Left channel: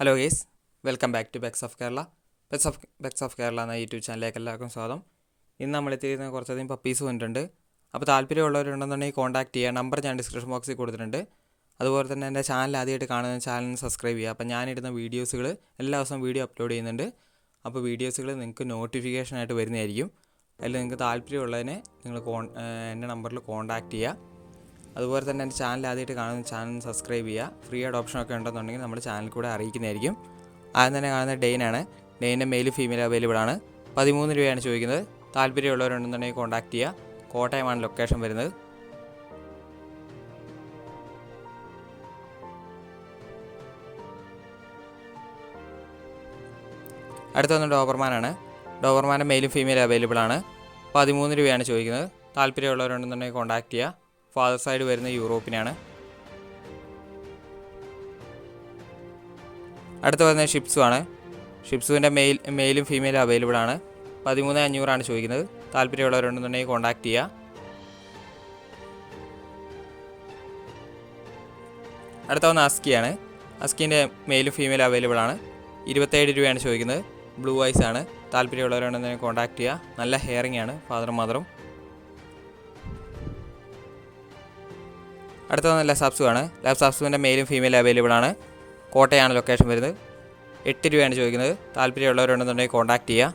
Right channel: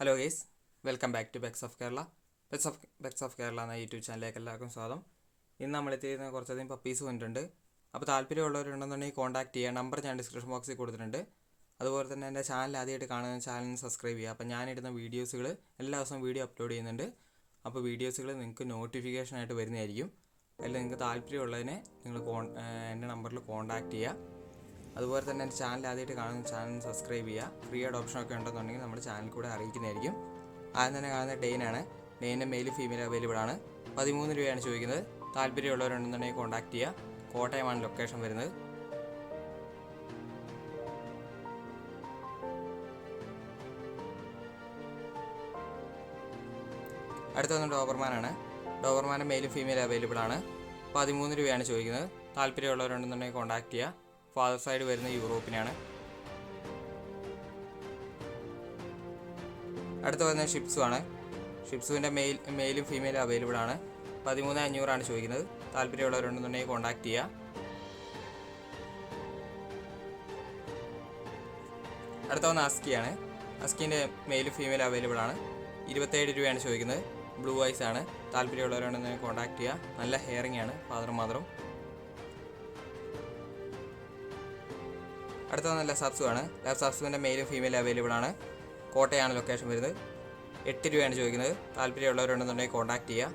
Hello guys, welcome back to pets of Kerala. Pets of Kerala എന്ന YouTube ചാനലിലേക്ക് എല്ലാവർക്കും സ്വാഗതം. ഇന്ന് നമ്മൾ എത്തിയിരിക്കുന്ന കുറച്ചധികം പപ്പീസ് വന്നിട്ടുണ്ട്. അപ്പോൾ താല്പര്യമുള്ളവരുണ്ടെന്നുണ്ടെങ്കിൽ കോൺടാക്ട് ചെയ്യുക. നമ്പർ ഞാൻ ഡിസ്ക്രിപ്ഷൻ ബോക്സിൽ കൊടുത്തിട്ടുണ്ട്. അതുപോലെ തന്നെ എൻ്റെ ചാനൽ ആദ്യമായിട്ട് കാണുന്ന ചാനൽ സബ്സ്ക്രൈബ് ചെയ്യുക. അപ്പോൾ ഞാനിടുന്ന വീഡിയോസുകൾ എല്ലാ ദിവസവും വീഡിയോ അപ്ലോഡ് ചെയ്യുന്നുണ്ട്. അപ്പോൾ വീഡിയോസുകൾ നിങ്ങൾക്ക് നോട്ടിഫിക്കേഷനായിട്ട് വരുന്നതായിരിക്കും. അതിൽ നിങ്ങൾക്ക് താല്പര്യമുള്ളതിനെ നിങ്ങൾ എൻ്റെ നമ്പറിൽ കോൺടാക്ട് ചെയ്യുക. അതുപോലെ തന്നെ എൻ്റെ ചാനൽ ആദ്യമായിട്ട് കാണുന്ന ചാനൽ സബ്സ്ക്രൈബ് ചെയ്യുക. ഫ്രീ ആയിട്ട് ഓപ്ഷനൊക്കെ ഉണ്ടെന്നുണ്ടെങ്കിൽ നമ്മുടെ ചാനൽ കൂടെ അറിയിക്കുന്നതായിരിക്കും. ആദ്യം തന്നെ കാണുന്ന ഡെയിനാണ്. ഡെയിൻ്റെ മെയിൽ ഫീമെയിൽ അവൈലബിൾ ആണ്. 13 രൂപയാണ് ചോദിക്കുന്നത്. താല്പര്യമുള്ളവരുണ്ടെന്നുണ്ടെങ്കിൽ കോൺടാക്ട് ചെയ്യുക. കോട്ടയമാണ് ലൊക്കേഷൻ വരുന്നത്. അടുത്ത വന്ന് ഡോബർമാനാണ്. ഡോബർമാൻ്റെ മെയിലും ഫീമെയിൽ അവൈലബിൾ ആണ്. 13 രൂപയാണ് ചോദിക്കുന്നത്. താല്പര്യമുള്ളവരുണ്ടെന്നുണ്ടെങ്കിൽ കോൺടാക്ട് ചെയ്യുക. ഫാദർ സൈഡ് വരുന്ന യൂറോപ്പിനാണ്. അടുത്ത് വരുന്നത് ഷിപ്സു ആണ്. ഷിപ്സുവിൻ്റെ മെയിലും ഫീമെയിലും അവൈലബിൾ ആണ്. 13,500 ചോദിക്കുന്നത്. താല്പര്യമുള്ളവരുണ്ടെന്നുണ്ടെങ്കിൽ കോൺടാക്ട് ചെയ്യുക. അടുത്ത വന്ന് അസ്കിയാണ്. അസ്കിൻ്റെ മെയിലും ഫീമെയിലും അവൈലബിൾ ആണ്. 27 രൂപയാണ് ചോദിക്കുന്നത്. ബ്ലൂ ഐസ് ആണ്. താല്പര്യമുള്ളവരുണ്ടെന്നുണ്ടെങ്കിൽ കോൺടാക്ട് ചെയ്യുക. നല്ല ഹെയറിംഗ് ആണ് ഫാദറും മദറും. അടുത്ത വന്ന ലസാപ്സു ആണ്. ലസാപ്സുവിൻ്റെ മെയിലും ഫീമെയിലും അവൈലബിൾ ആണ്. കോട്ടയാണ് ലൊക്കേഷൻ വരുന്നത്. 8 രൂപയാണ് ചോദിക്കുന്നത്. താല്പര്യമുള്ളവരുണ്ടെന്നുണ്ടെങ്കിൽ കോൺടാക്ട് ചെയ്യുക.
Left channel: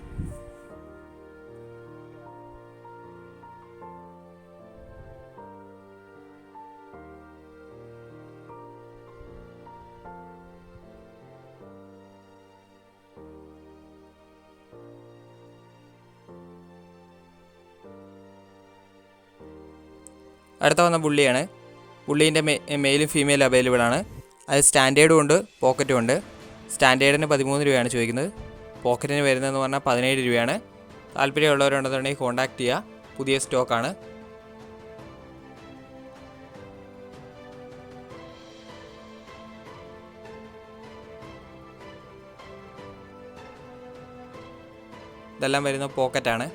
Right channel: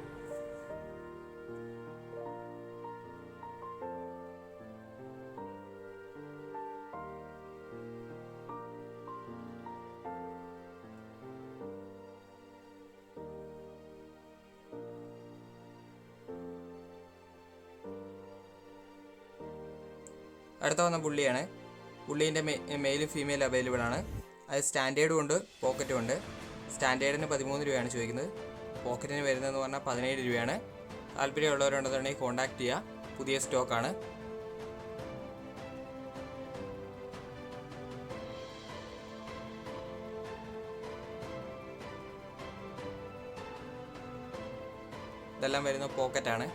അടുത്ത വന്ന ബുള്ളിയാണ്. ബുള്ളീൻ്റെ മെയിലും ഫീമെയിലും അവൈലബിൾ ആണ്. അത് സ്റ്റാൻഡേർഡും ഉണ്ട്, പോക്കറ്റും ഉണ്ട്. സ്റ്റാൻഡേർഡിന് 13 രൂപയാണ് ചോദിക്കുന്നത്. പോക്കറ്റിന് വരുന്നതെന്ന് പറഞ്ഞാൽ 17 രൂപയാണ്. താല്പര്യമുള്ളവരുണ്ടെന്നുണ്ടെങ്കിൽ കോൺടാക്ട് ചെയ്യുക. പുതിയ സ്റ്റോക്കാണ്. ഇതെല്ലാം വരുന്ന പോക്കറ്റാണ്.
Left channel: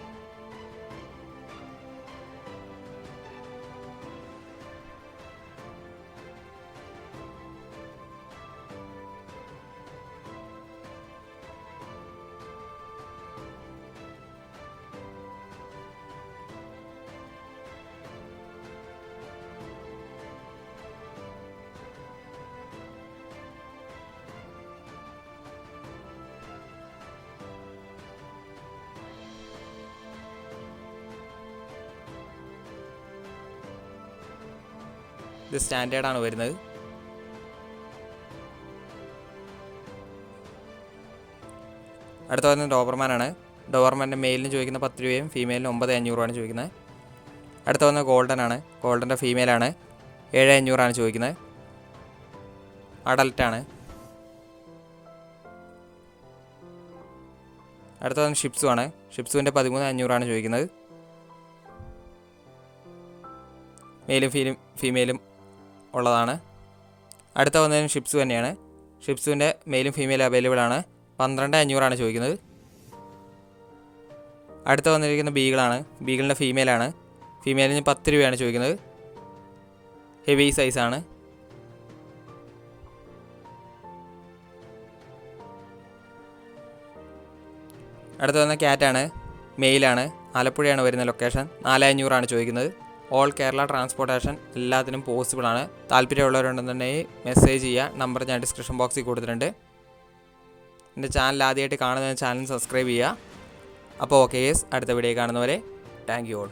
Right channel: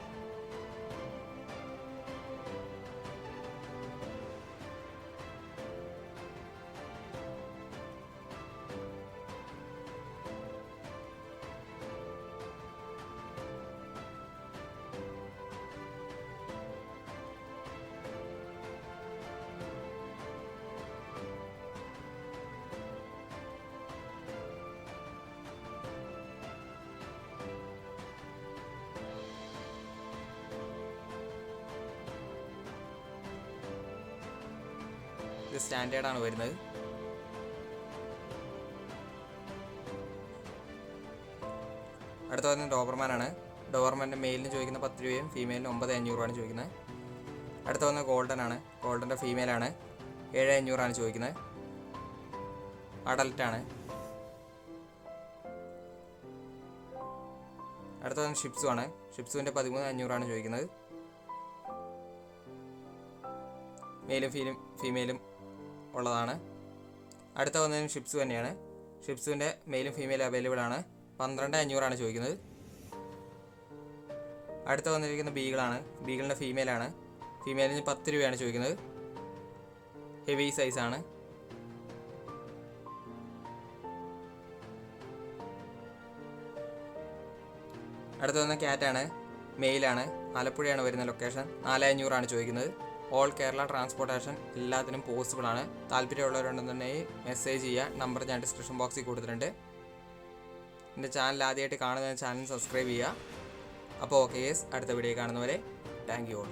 ഇത് സ്റ്റാൻഡേർഡാണ് വരുന്നത്. അടുത്ത വരുന്നത് ഡോബർമാനാണ്. ഡോബർമാൻ്റെ മെയിലിന് ചോദിക്കുന്ന 10 രൂപയും ഫീമെയിലിന് 9,500 ചോദിക്കുന്നത്. അടുത്ത വന്നത് ഗോൾഡൻ ആണ്. ഗോൾഡൻ്റെ ഫീമെയിലാണ്. 7,500 ചോദിക്കുന്നത്. അഡൽട്ടാണ്. അടുത്ത വന്ന് ഷിപ്സു ആണ്. ഷിപ്സുവിൻ്റെ 13,500 ചോദിക്കുന്നത്. മെയിലും ഫീമെയിലും ഉള്ളതാണ്. അടുത്ത വന്നതിന് ഷിപ്സു തന്നെയാണ്. ഷിപ്സുവിൻ്റെ മെയിലും ഫീമെയിലും അവൈലബിൾ ആണ്. 12,500 ചോദിക്കുന്നത്. അടുത്ത വന്നിരിക്കുന്ന ബീഗിളാണ്. ബീഗിളിൻ്റെ ഫീമെയിലാണ്. ഫീമെയിലിന് 10 രൂപയാണ് ചോദിക്കുന്നത്. ഹെവി സൈസാണ്. അടുത്ത വന്ന ക്യാറ്റാണ്. മെയിലാണ്. ആലപ്പുഴയാണ് വരുന്ന ലൊക്കേഷൻ. 4,500 ചോദിക്കുന്നത്. ഓൾ കേരള ട്രാൻസ്പോർട്ടേഷൻ എല്ലാത്തിനും പോസിബിളാണ്. താല്പര്യമുള്ളവരുണ്ടെന്നുണ്ടെങ്കിൽ മെസ്സേജ് ചെയ്യുക. നമ്പർ ഞാൻ ഡിസ്ക്രിപ്ഷൻ ബോക്സിൽ കൊടുത്തിട്ടുണ്ട്. എൻ്റെ ചാനൽ ആദ്യമായിട്ട് കാണുന്ന ചാനൽ സബ്സ്ക്രൈബ് ചെയ്യുക. അപ്പോൾ ഓക്കെ ഗൈസ്, അടുത്ത വീഡിയോ കാണുന്നവരെ താങ്ക് യു ഓൾ.